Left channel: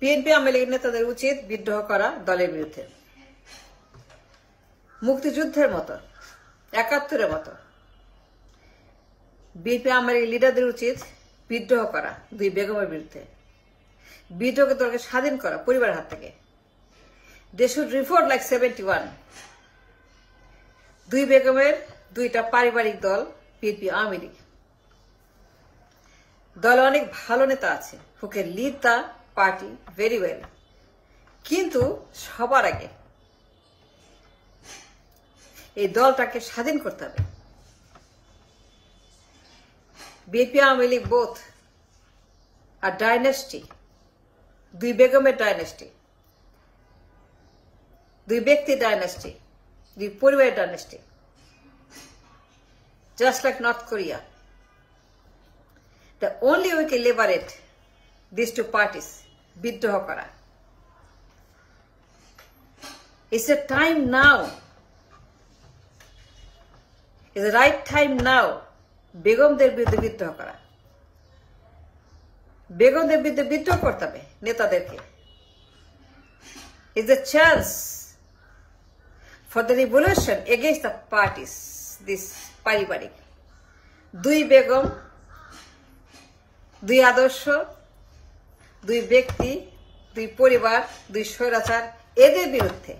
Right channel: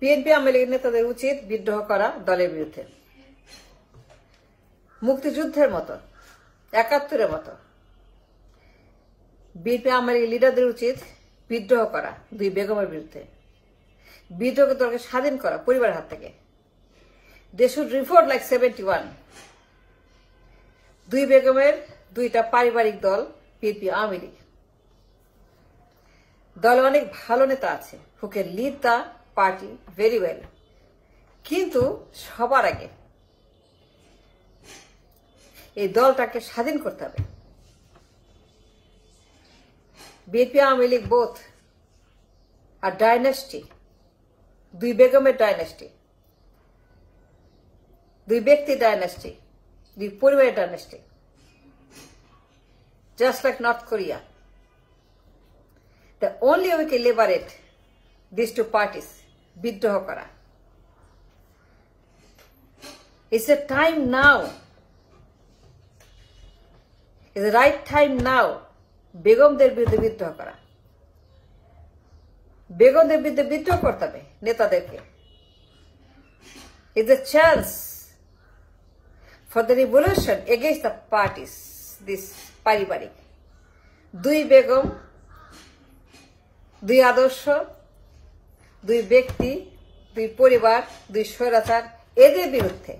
বিএনপি আওয়ামী লীগের নেতাদের উচিত বিদ্রোহ করা দলের বিরুদ্ধে। মুক্তিযুদ্ধের মতো, ৭১-এর মতো বিএনপি আওয়ামী লীগের লিডারদের উচিত বিদ্রোহ করা দুই বেগমের বিরুদ্ধে, বিদ্রোহকে দলকে স্বাধীন করা পরিবারের হাত থেকে। They should revolt like 71. দুই বেগমের দুইটা পারিবারিক দল বিএনপি আওয়ামী লীগ। দলে অনেক ভালো নেতা আছে who can lead the party very well, কিন্তু সবার আগে এই দলটাকে স্বাধীন করতে হবে। বিএনপি আওয়ামী লীগ বোথ আর ডাইনেস্টি, দুই বেগমের ডাইনেস্টি, দুই ব্যক্তির ডাইনেস্টি, দুই পরিবারের dynasty, just like North Korea. The only way we can liberate these two parties, বিদ্রোহ করা. It's the time now. It's the right time now. বেগমদের বিরুদ্ধে বিদ্রোহ করা, বেগমদের বিরুদ্ধে বিদ্রোহ করতে হবে নেতাদেরকে। It's a chance for the revolution against the parties, this পারিবারিক। দুই বেগম, দুই আদর্শ, দুই ব্যক্তি, দুই পরিবার, দুই স্বৈরাচার, এদের বিরুদ্ধে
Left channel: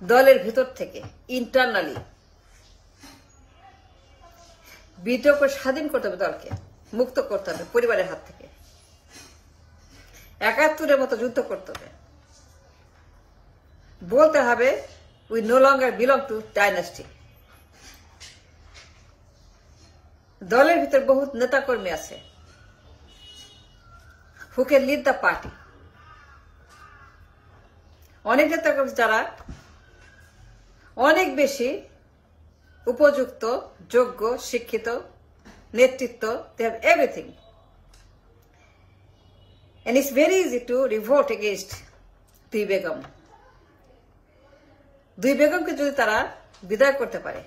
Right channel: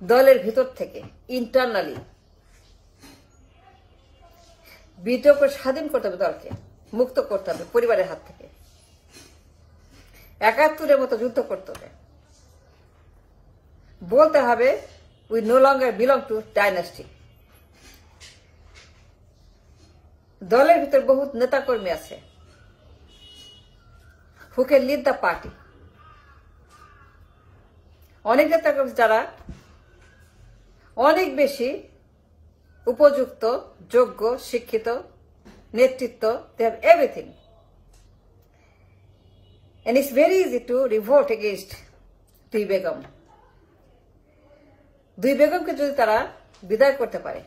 দলের ভিতর থেকে ইন্টারনালি বিদ্রোহ করে স্বাধীন করতে হবে, দলকে মুক্ত করতে হবে পরিবারের হাত থেকে। ৭১-এর মতো যুদ্ধ করতে হবে, বলতে হবে we no longer belong to dynasty. দলের ভিতর বহুত নেতাকর্মী আছে who can lead the party. অনেক নেতাকর্মী যারা অনেক বেশি উপযুক্ত, যোগ্য, শিক্ষিত, নেতৃত্ব, they have everything. And it's very easy to revolt against দুই বেগম। দুই বেগমকে যদি তারা বিদায় করতে পারে,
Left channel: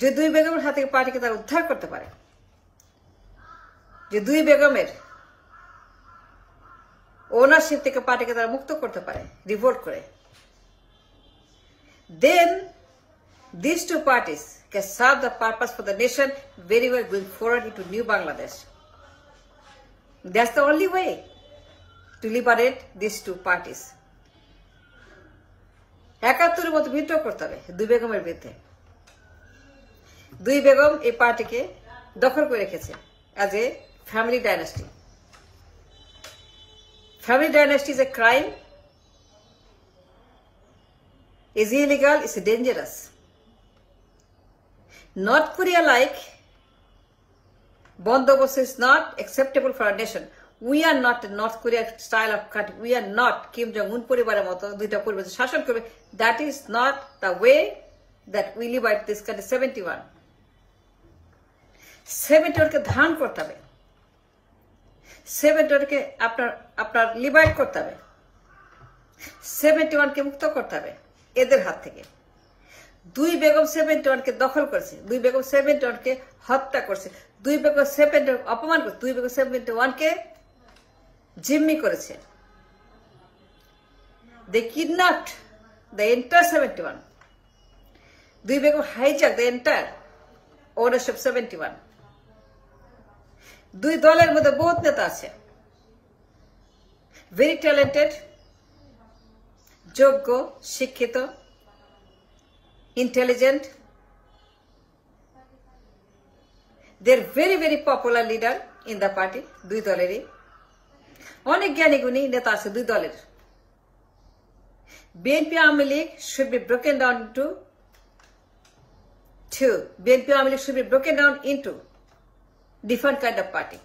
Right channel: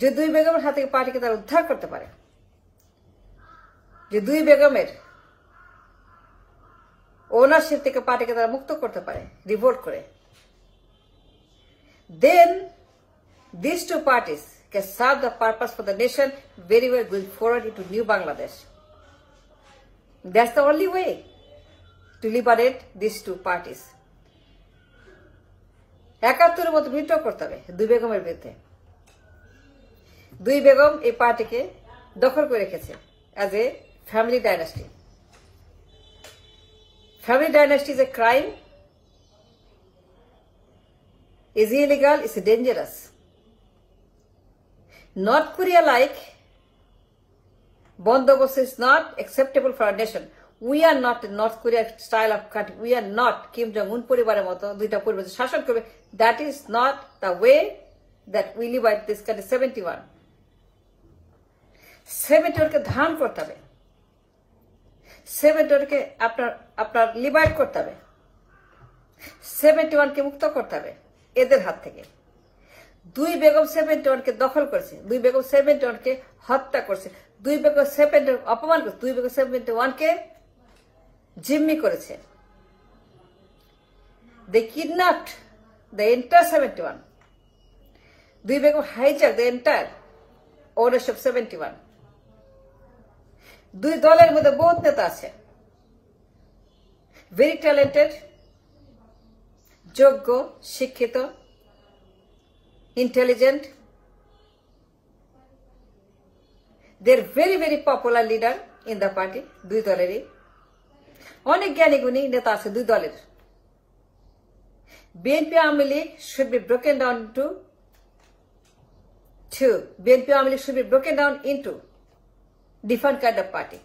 যে দুই বেগমের হাত থেকে পার্টিকে তারা উদ্ধার করতে পারে, যে দুই বেগমের ওনারশিপ থেকে পার্টিকে তারা মুক্ত করতে পারে রিভোল্ট করে, then these two parties can serve the purpose for the nation very well going forward into new Bangladesh. That's the only way to liberate these two parties. ৭১-এর মতো বিদ্রোহ করতে হবে দুই বেগমের বিরুদ্ধে। দুই বেগম এই পার্টিকে দখল করে রেখেছে as a family dynasty. Family dynasty is a crime, is illegal, is dangerous. North Korea like Bondobos is not acceptable for our nation. We are not a North Korea style of country. We are not Kim Jong-un পরিবারের মতো দুইটা পরিবার শাসন করবে। That is not the way that we live at this country. 71 কে ধারণ করতে হবে, 71 কে আপনার লিবারেট করতে হবে, 71 কে মুক্ত করতে হবে এদের হাত থেকে। দুই বেগম 71 কে দখল করেছে, দুই বেগম 71 কে হত্যা করছে, দুই বেগম 71 অপমান করেছে, দুই বেগম 71 কে জিম্মি করেছে। They kidnapped the entire 71. দুই Begum hijack the entire ownership 71. দুই দলের মধ্যে বহুত নেতা আছে, very talented, যোগ্য, শিক্ষিত, intelligent. They are very very popular leader in the party. দুই দলেরই অনেক জ্ঞানী গুণী নেতা আছে দুই দলের। BNP Awami League should be broken down into two. BNP Awami League should be broken down into different kind of party.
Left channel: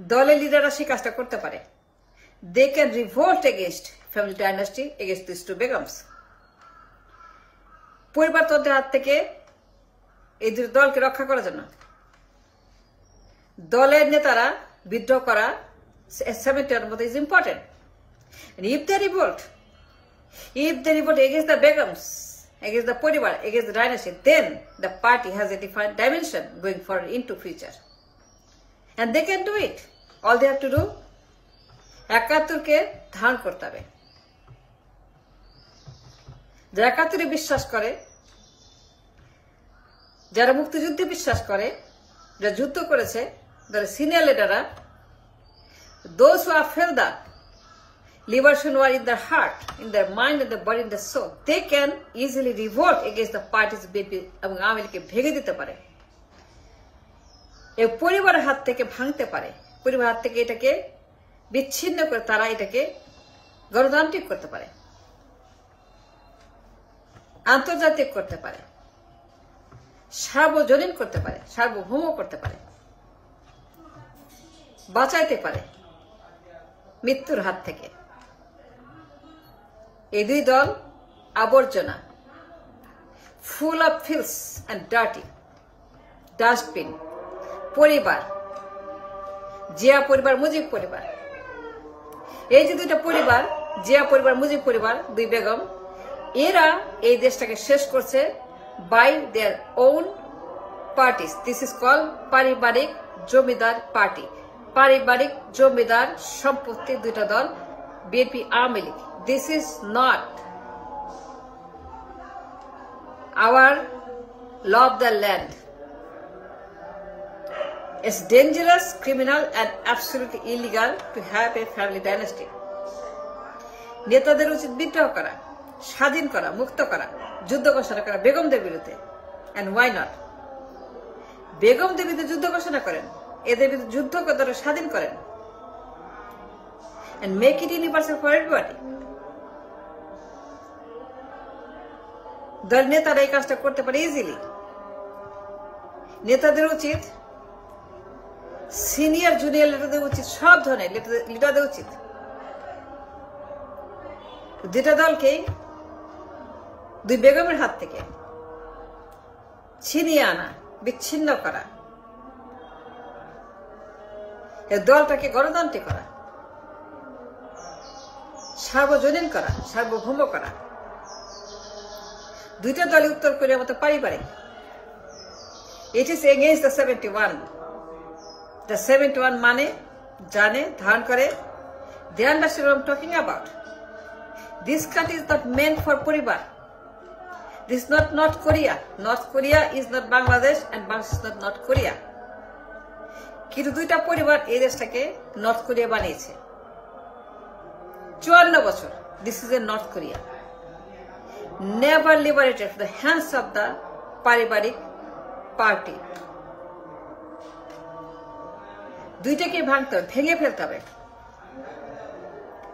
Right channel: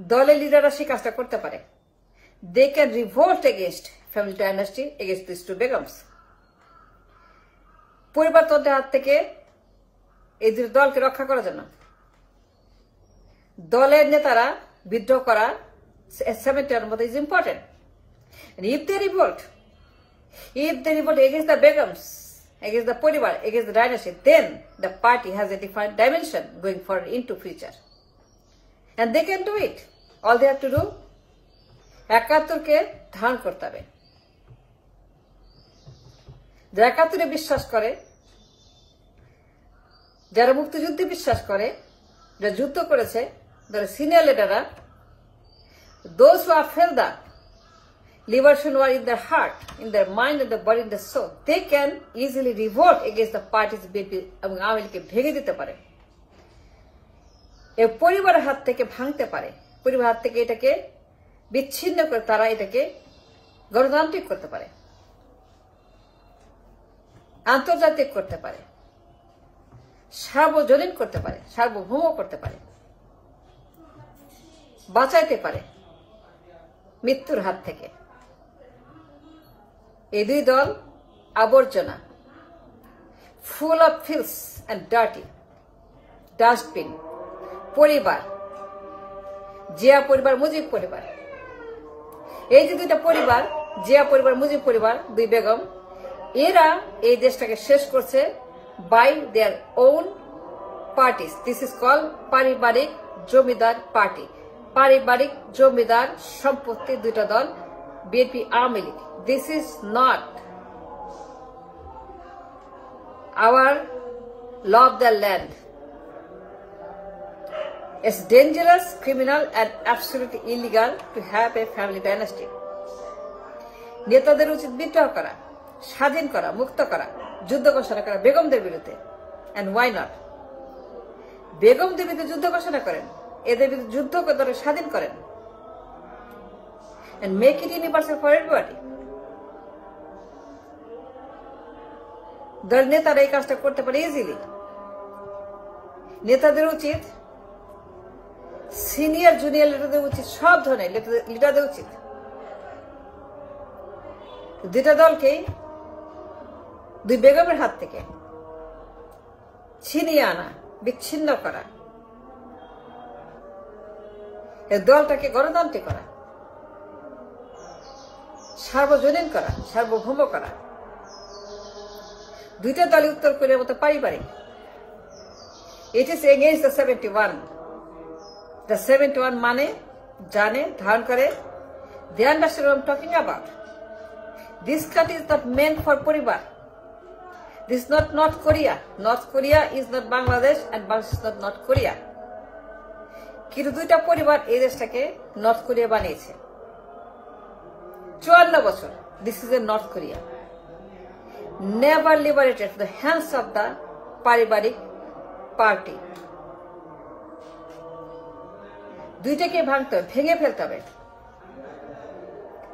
দলের লিডাররা সেই কাজটা করতে পারে। They can revolt against family dynasty, against these two Begums. পরিবারতন্ত্রের হাত থেকে এই দুই দলকে রক্ষা করার জন্য দলের নেতারা বিদ্রোহ করা 71 মতো is important. And if they revolt against the Begums, against the পরিবার, against the dynasty, then the party has a different dimension going forward into future. and they can do it. All they have to do, ৭১কে ধারণ করতে হবে। যারা ৭১-এ বিশ্বাস করে, যারা মুক্তিযুদ্ধে বিশ্বাস করে, যারা যুদ্ধ করেছে, যারা সিনিয়র লিডাররা, those who have felt that liberation war in their heart, in their mind, in their body, in their soul, they can easily revolt against the parties BNP এবং আওয়ামী লীগকে ভেঙে দিতে পারে। এই পরিবারের হাত থেকে ভাঙতে পারে, পরিবারের হাত থেকে এটাকে বিচ্ছিন্ন করে তারা এটাকে গণতান্ত্রিক করতে পারে, আন্তর্জাতিক করতে পারে, সার্বজনীন করতে পারে, সার্বভৌম করতে পারে, বাঁচাইতে পারে মৃত্যুর হাত থেকে। এই দুই দল আবর্জনা, full of feels and dirty, dustbin. পরিবার, জিয়া পরিবার, মুজিব পরিবার, এই যে দুইটা পরিবার, জিয়া পরিবার, মুজিব পরিবার, দুই বেগম, এরা এই দেশটাকে শেষ করছে by their own parties. This is call পারিবারিক জমিদার পার্টি। পারিবারিক জমিদার সম্পত্তি দুইটা দল, বিএনপি, আওয়ামী লীগ। This is not our law of the land. It's dangerous, criminal and absolutely illegal to have a family dynasty. নেতাদের উচিত বিদ্রোহ করা, স্বাধীন করা, মুক্ত করা, যুদ্ধ ঘোষণা করা বেগমদের বিরুদ্ধে। And why not? বেগমদের বিরুদ্ধে যুদ্ধ ঘোষণা করেন, এদের বিরুদ্ধে যুদ্ধ করে স্বাধীন করেন, and make it universal for everybody. দল নেতারা এই কাজটা করতে পারে ইজিলি। নেতাদের উচিত, সিনিয়র জুনিয়র লিডারদের উচিত, সব ধরনের লিডারদের উচিত দুইটা দলকেই দুই বেগমের হাত থেকে ছিনিয়ে আনা, বিচ্ছিন্ন করা, এই দলটাকে গণতান্ত্রিক করা, সার্বজনীন করা, সার্বভৌম করা। দুইটা দলই উত্তর কোরিয়ার মতো পারিবারিক। It is against the 71। The 71 মানে জানে, ধারণ করে, they understand what I'm talking about. This country is not meant for পরিবার। This is not North Korea. North Korea is not Bangladesh and Bangladesh is not North Korea. কিন্তু দুইটা পরিবার এই দেশটাকে নর্থ কোরিয়া বানিয়েছে 54 বছর। This is a North Korea. Never liberated from the hands of the পারিবারিক পার্টি। দুইটাকে ভাঙতে হবে, ভেঙে ফেলতে হবে।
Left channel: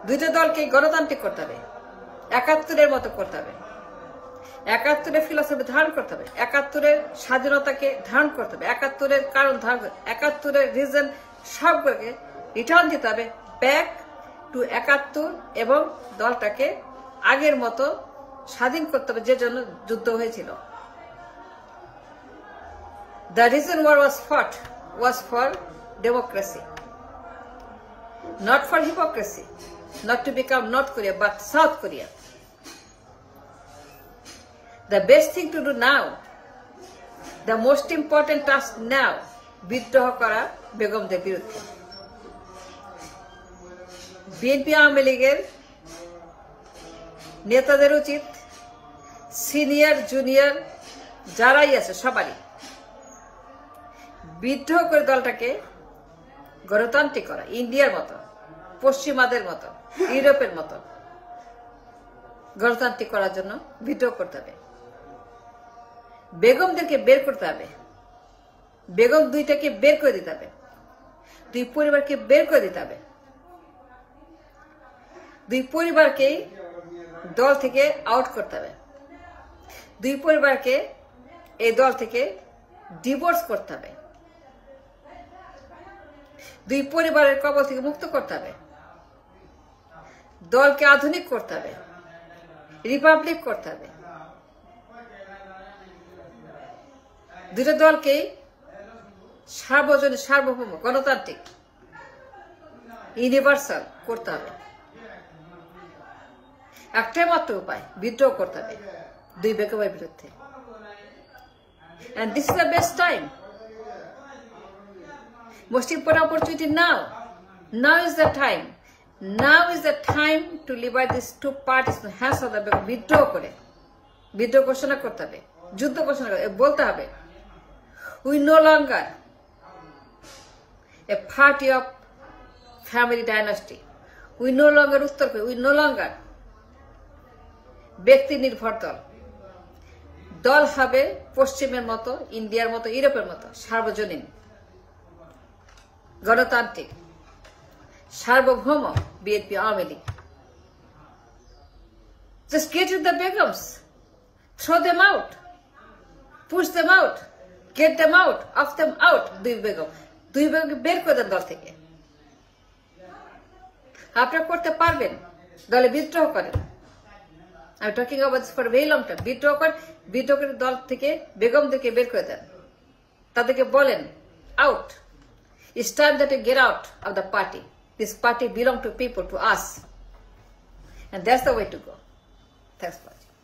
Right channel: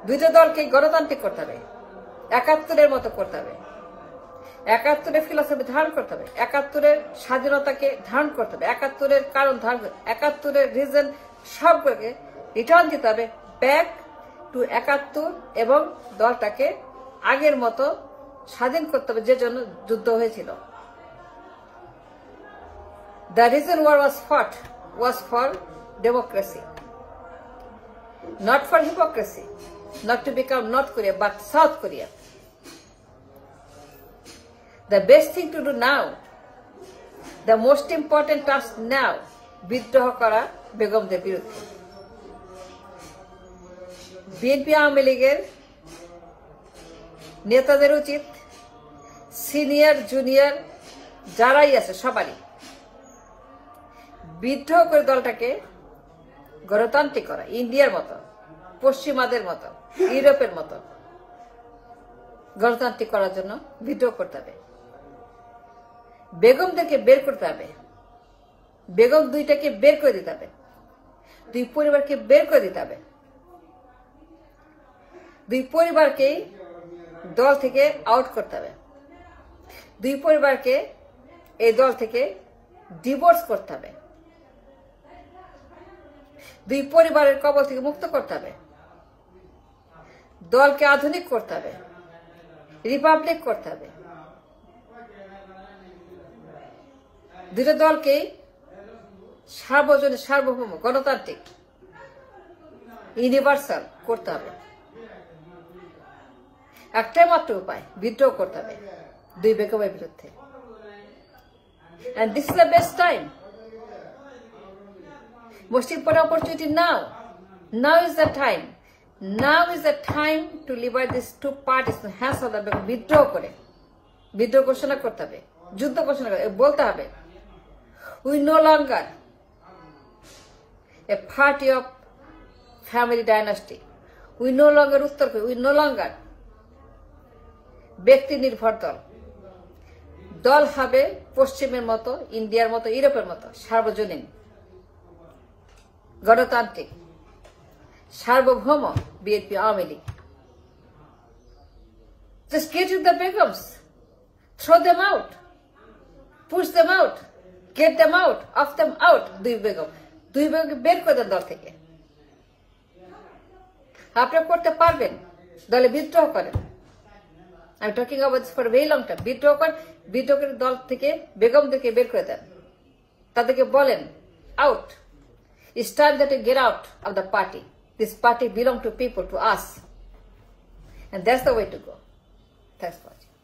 দুইটা দলকে গণতান্ত্রিক করতে হবে, ৭১-এর মতো করতে হবে, ৭১-এর ফিলসফি ধারণ করতে হবে, ৭১-এর স্বাধীনতাকে ধারণ করতে হবে, ৭১-এর কারণ ধারণ করতে হবে, ৭১-এর রিজন সবগুলোকে রিটার্ন দিতে হবে ব্যাক টু ৭১ এবং দলটাকে আগের মতো স্বাধীন করতে হবে, যে জন্য যুদ্ধ হয়েছিল। দ্য রিজন ওয়ার ওয়াজ ফট ওয়াজ for democracy, not for hypocrisy, not to become North Korea but South Korea. The best thing to do now, the most important task now, বিদ্রোহ করা বেগমদের বিরুদ্ধে। বিএনপি আওয়ামী লীগের নেতাদের উচিত, সিনিয়র জুনিয়র যারাই আছে সবারই বিদ্রোহ করে দলটাকে গণতান্ত্রিক করা, ইন্ডিয়ার মতো, পশ্চিমাদের মতো, ইউরোপের মতো গণতান্ত্রিক করার জন্য বিদ্রোহ করতে হবে। বেগমদেরকে বের করতে হবে, বেগম দুইটাকে বের করে দিতে হবে, দুই পরিবারকে বের করে দিতে হবে, দুই পরিবারকে দল থেকে আউট করতে হবে, দুই পরিবারকে এই দল থেকে ডিভোর্স করতে হবে, দুই পরিবারের কবল থেকে মুক্ত করতে হবে, দলকে আধুনিক করতে হবে, রিপাবলিক করতে হবে, দুটো দলকেই সার্বজনীন, সার্বভৌম, গণতান্ত্রিক, ইউনিভার্সাল করতে হবে। একটাই মাত্র উপায়, বিদ্রোহ করতে হবে দুই বেগমের বিরুদ্ধে। And this is the best time. Most important opportunity now. Now is the time. Now is the time to liberate these two parties to hands of the withdraw করে বিদ্রোহ ঘোষণা করতে হবে, যুদ্ধ ঘোষণা করতে বলতে হবে we no longer a party of family dynasty. We no longer উত্তর we no longer ব্যক্তি নির্ভর দল। দল হবে পশ্চিমের মতো, ইন্ডিয়ার মতো, ইউরোপের মতো সার্বজনীন, গণতান্ত্রিক, সার্বভৌম বিএনপি Awami League. Just get with the Begums, throw them out, push them out, get them out, off them out. দুই বেগমকে বের করে দেন দল থেকে। আপনারা করতে পারবেন, দলে বিদ্রোহ করেন। আমি talking about this for very long time. বিদ্রোহ করে দল থেকে বেগমদেরকে বের করে দেন, তাদেরকে বলেন out. It's time that you get out of the party. This party belongs to people, to us. And that's the way to go. Thanks for watching.